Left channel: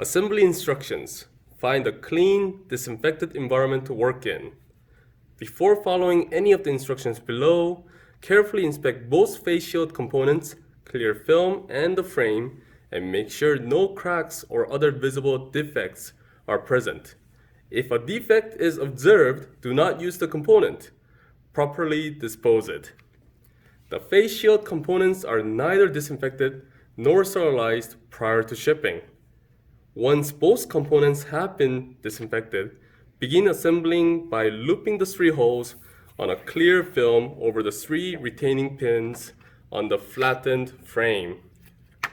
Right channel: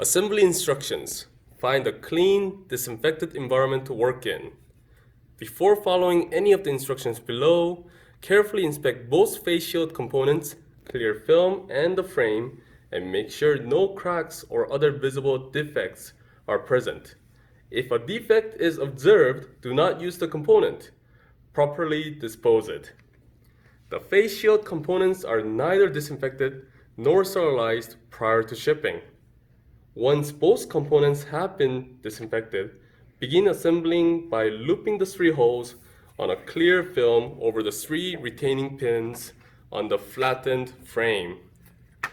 Assembly instructions. Find a clean, disinfected environment to work in. Before following any of the instructions below, carefully inspect both face shield components, clear film, and the frame, and make sure no cracks or other visible defects are present. If a defect is observed, do not use the component. Properly dispose it. The face shield components are neither disinfected nor sterilized prior to shipping. Once both components have been disinfected, begin assembling by looping the 3 holes on a clear film over the 3 retaining pins on the flattened frame.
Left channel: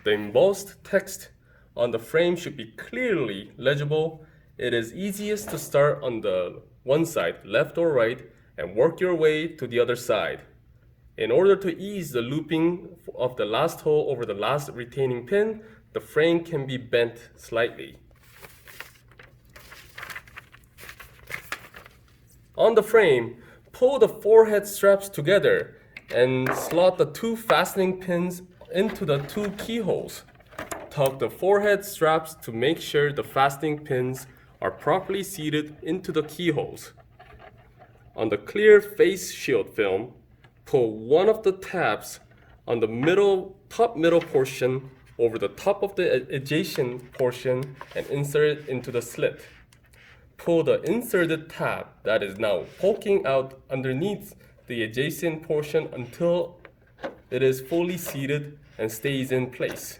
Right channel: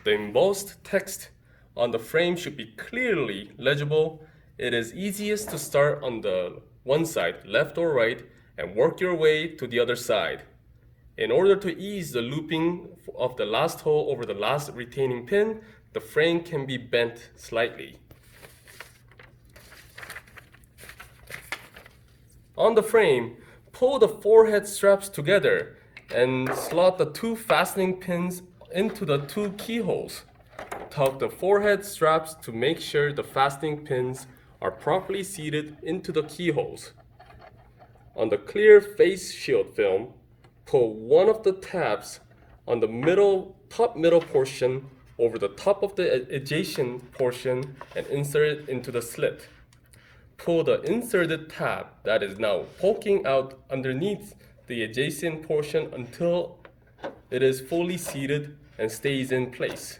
The embossed text on the frame should be clearly legible. It is easiest to start on the one side, left or right, and work your way to the other side. In order to ease the looping of the last hole over the last retaining pin, the frame can be bent slightly. On the frame, pull the forehead straps together and slot the 2 fastening pins into the 2 keyholes. Tug the forehead straps to make sure the fastening pins are properly seated into the keyholes. On the clear face shield film, pull one of the tabs on the top middle portion over the top of the adjacent portion and insert it into the slit. Pull the inserted tab that is now poking out underneath the adjacent portion until it is fully seated and stays in place.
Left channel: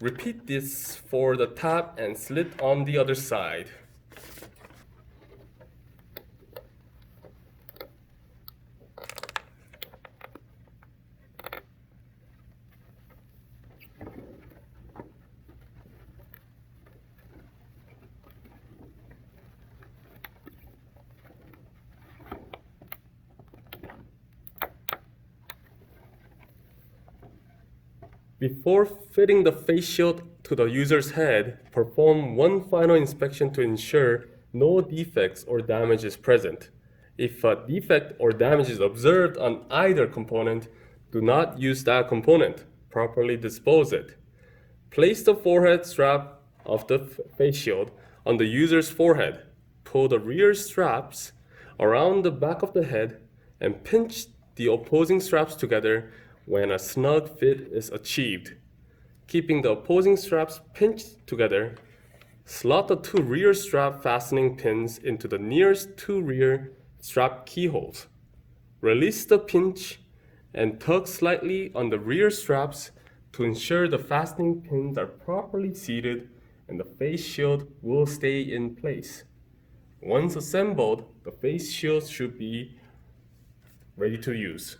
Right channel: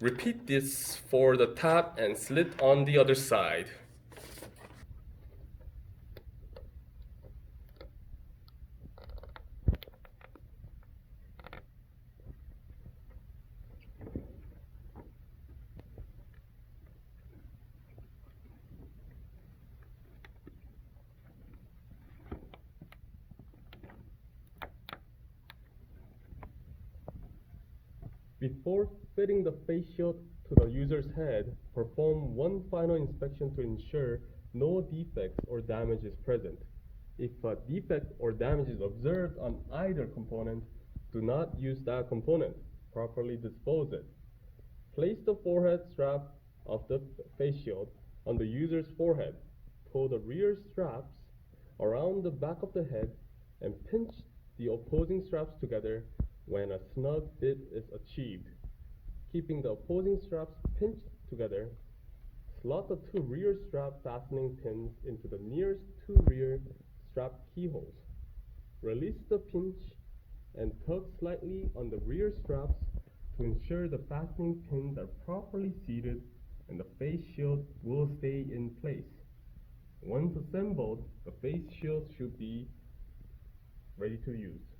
Repeat this for the tab and slit on the other side. Before fitting the face shield to the user's head, perform one final inspection to ensure no defects or damage is present. If a defect or damage is observed on either component, do not use that component. Properly dispose it. Place the forehead strap of the face shield on the user's forehead. Pull the rear straps around the back of the head and pinch the opposing straps together when a snug fit is achieved. Keeping the opposing straps pinched together, slot the 2 rear strap fastening pins into the nearest 2 rear strap keyholes. Release the pinch and tug slightly on the rear straps to ensure the fastening pins are properly seated and the face shield will stay in place. Once assembled, the face shield should be ready to use.